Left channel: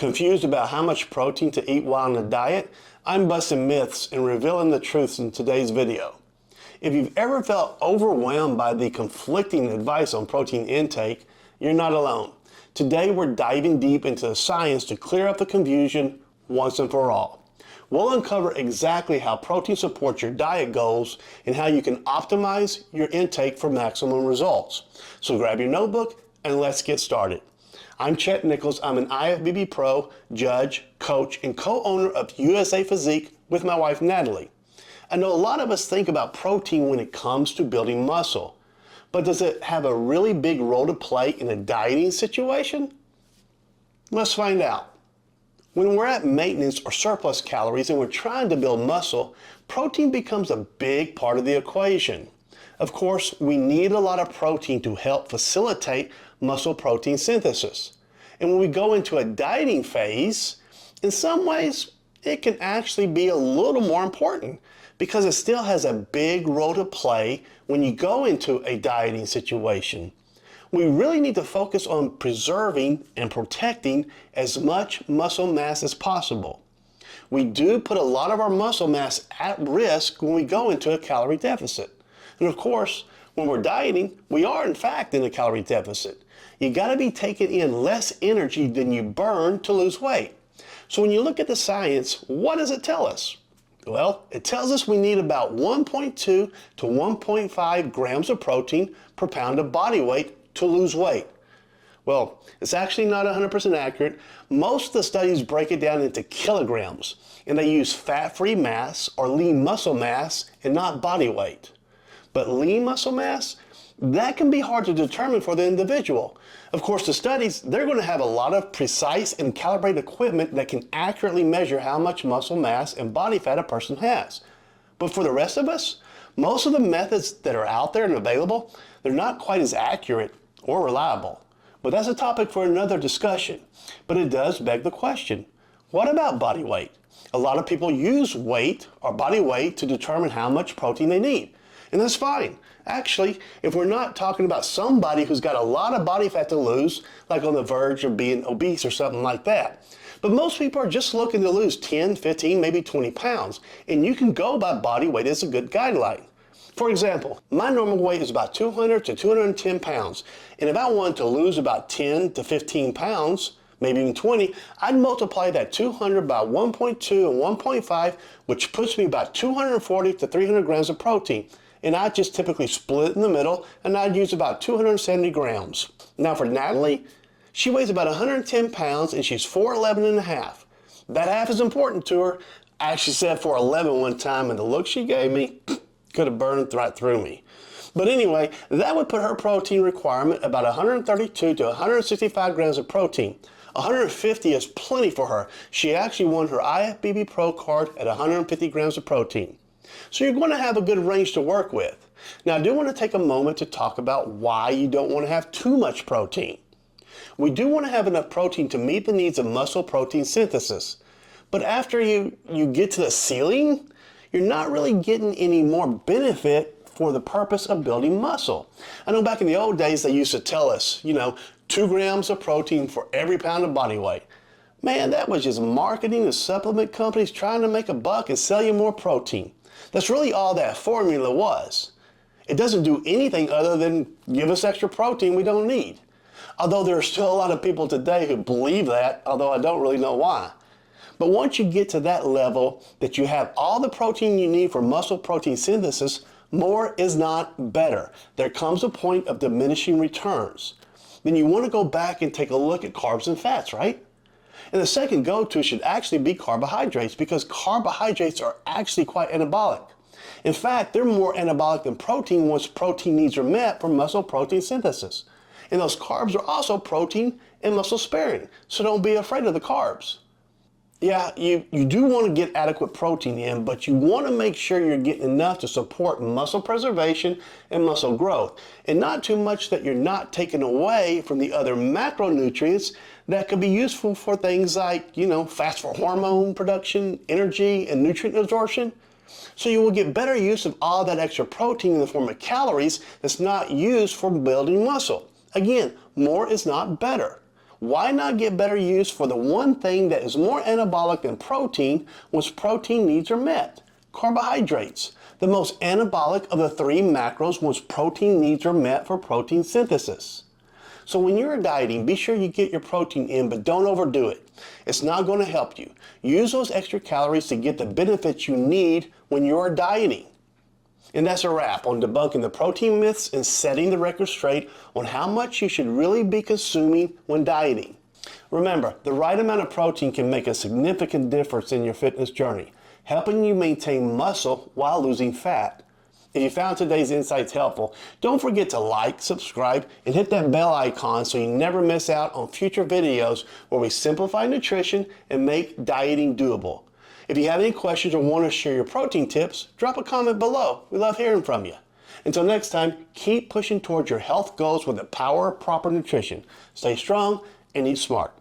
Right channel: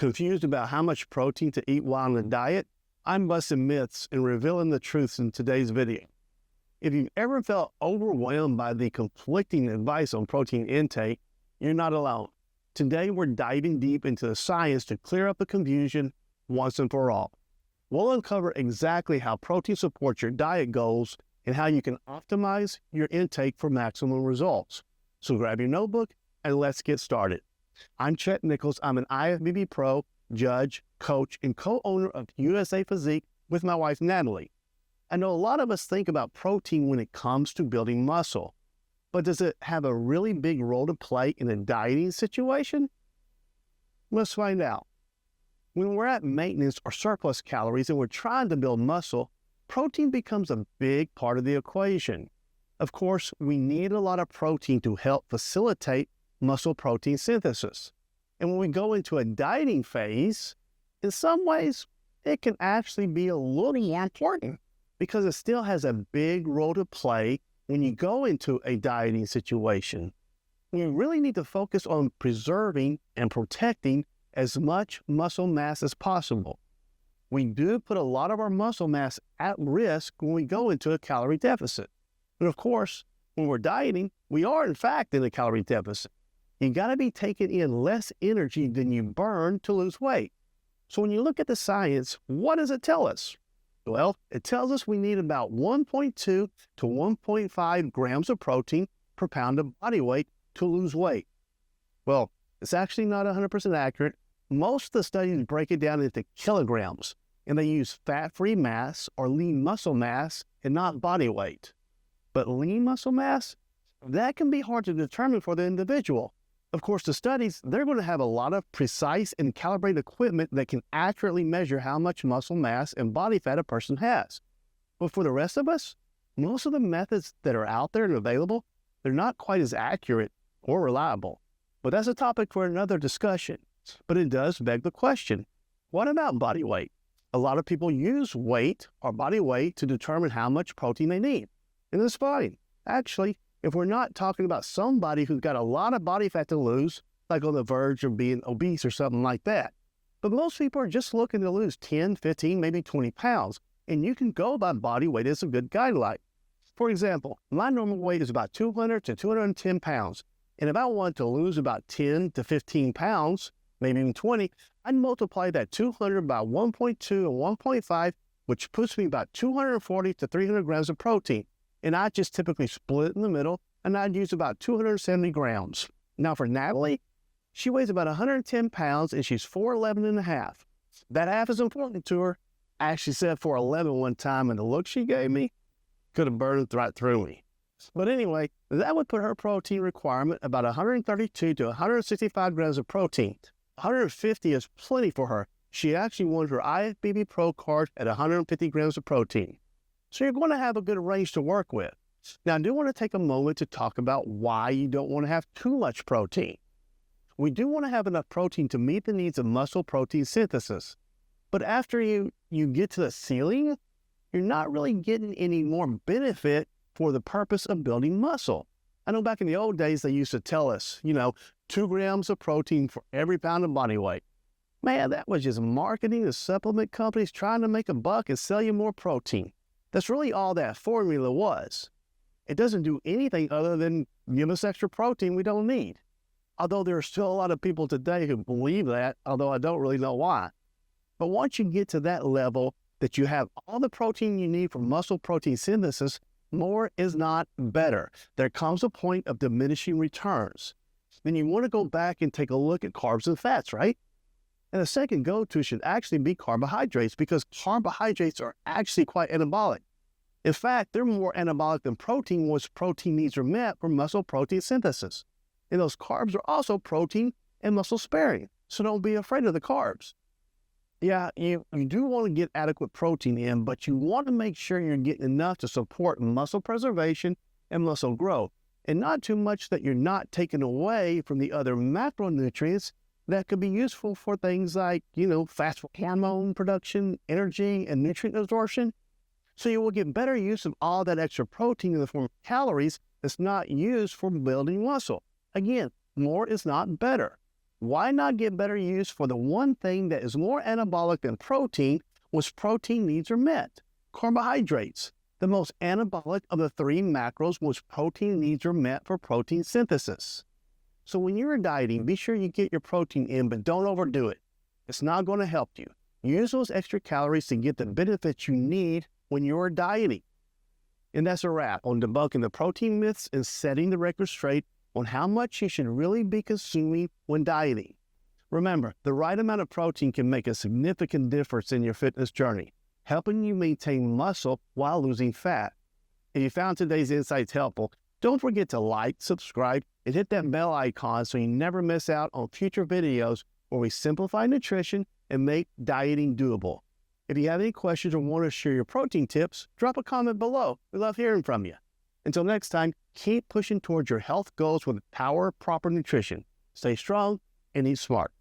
Confused about how much protein to eat while on a diet? I'm busting myths and revealing the truths in today's video. If you've ever felt overwhelmed by the conflicting advice on protein intake, you're not alone. Today we're diving deep into the science to clear up the confusion once and for all. We'll uncover exactly how protein supports your diet goals and how you can optimize your intake for maximum results. So grab your notebook and let's get started. I'm Chet Nichols. I'm an IFBB pro, judge, coach, and co-owner of USA Physique with my wife Natalie. I know a lot of us think about protein when it comes to building muscle, but does it have a really big role to play in a dieting situation? Let's find out. When we're at maintenance or surplus calories and we're trying to build muscle, protein becomes a big part of the equation. Of course, we need a lot of protein to help facilitate muscle protein synthesis. And when we go into a dieting phase, in some ways, it can actually be a little more important because it still has a big role to play when you go into a dieting situation. We really need to focus on preserving and protecting as much muscle mass as possible. We do put a lot of our muscle mass at risk when we go into a calorie deficit. And of course, when we're dieting, we are in fact in a calorie deficit. You gotta be taking in less energy than you burn to lose weight. So when you look at the science, what does it tell us? Well, it tells us we need about 1.2 to 1.5 grams of protein per pound of body weight to lose weight. Well, it's actually not 100% accurate. Most of the studies break it down into kilograms, and they use fat-free mass or lean muscle mass and not body weight. But lean muscle mass, that can be hard to determine for the individual. Of course, the studies, they're going to have a lot of precise and calibrated equipment that can accurately measure how much muscle mass and body fat a person has. But for the rest of us, most of the methods that are out there and available, they're not quite as accurate or reliable. But that's a topic for another discussion. But it does beg the question, what about body weight? A lot of people use weight or body weight to determine how much protein they need. And that's fine. Actually, if we're not talking about somebody who's got a lot of body fat to lose, like on the verge of being obese or something like that. But most people are just looking to lose 10, 15, maybe 20 pounds. And you can go by body weight as a good guideline. For example, my normal weight is about 200 to 210 pounds. And if I want to lose about 10 to 15 pounds, maybe even 20, I'd multiply that 200 by 1.2 and 1.5, which puts me about 240 to 300 grams of protein. And I just typically split it in the middle, and I'd use about 270 grams. Now for Natalie, she weighs about 110 pounds, and she's 4'11 and a half. That half is important to her. I actually said 4'11 one time, and the look she gave me could have burned right through me. But anyway, that would put her protein requirement about 132 to 165 grams of protein. 150 is plenty for her. She actually won her IFBB Pro card at 150 grams of protein. So you're going to have a good range to work with. Now, I do want to take a moment to talk about why you don't want to have too much protein. We do want to have enough protein to meet the needs of muscle protein synthesis. But after you get to the ceiling, you're not really getting any more benefit for the purpose of building muscle. I know back in the old days, they used to tell us, 2 grams of protein for every pound of body weight. Man, that was just marketing and supplement companies trying to make a buck and sell you more protein. That's really all that formula was. It doesn't do anything other than give us extra protein we don't need. Although there are still a lot of people today who believe that, although I don't really know why. But once you get to that level that you have all the protein you need for muscle protein synthesis, more is not better. There comes a point of diminishing returns. Then you want to go back and take a look at carbs and fats, right? And the second go-to should actually be carbohydrates because carbohydrates are actually quite anabolic. In fact, they're more anabolic than protein once protein needs are met for muscle protein synthesis. And those carbs are also protein and muscle sparing, so don't be afraid of the carbs. Yeah, you do want to get adequate protein in, but you want to make sure you're getting enough to support muscle preservation and muscle growth, and not too much that you're not taking away from the other macronutrients that could be useful for things like, fats for hormone production, energy, and nutrient absorption. So you will get better use of all that extra protein in the form of calories that's not used for building muscle. Again, more is not better. Why not get better use for the one thing that is more anabolic than protein, which protein needs are met? Carbohydrates, the most anabolic of the three macros which protein needs are met for protein synthesis. So when you're dieting, be sure you get your protein in, but don't overdo it. It's not going to help you. Use those extra calories to get the benefits you need when you're dieting. And that's a wrap on debunking the protein myths and setting the record straight on how much you should really be consuming when dieting. Remember, the right amount of protein can make a significant difference in your fitness journey, helping you maintain muscle while losing fat. If you found today's insights helpful, don't forget to like, subscribe, and hit that bell icon so you never miss out on future videos where we simplify nutrition and make dieting doable. If you have any questions or want to share your protein tips, drop a comment below. We love hearing from you. Until next time, keep pushing towards your health goals with the power of proper nutrition. Stay strong and eat smart.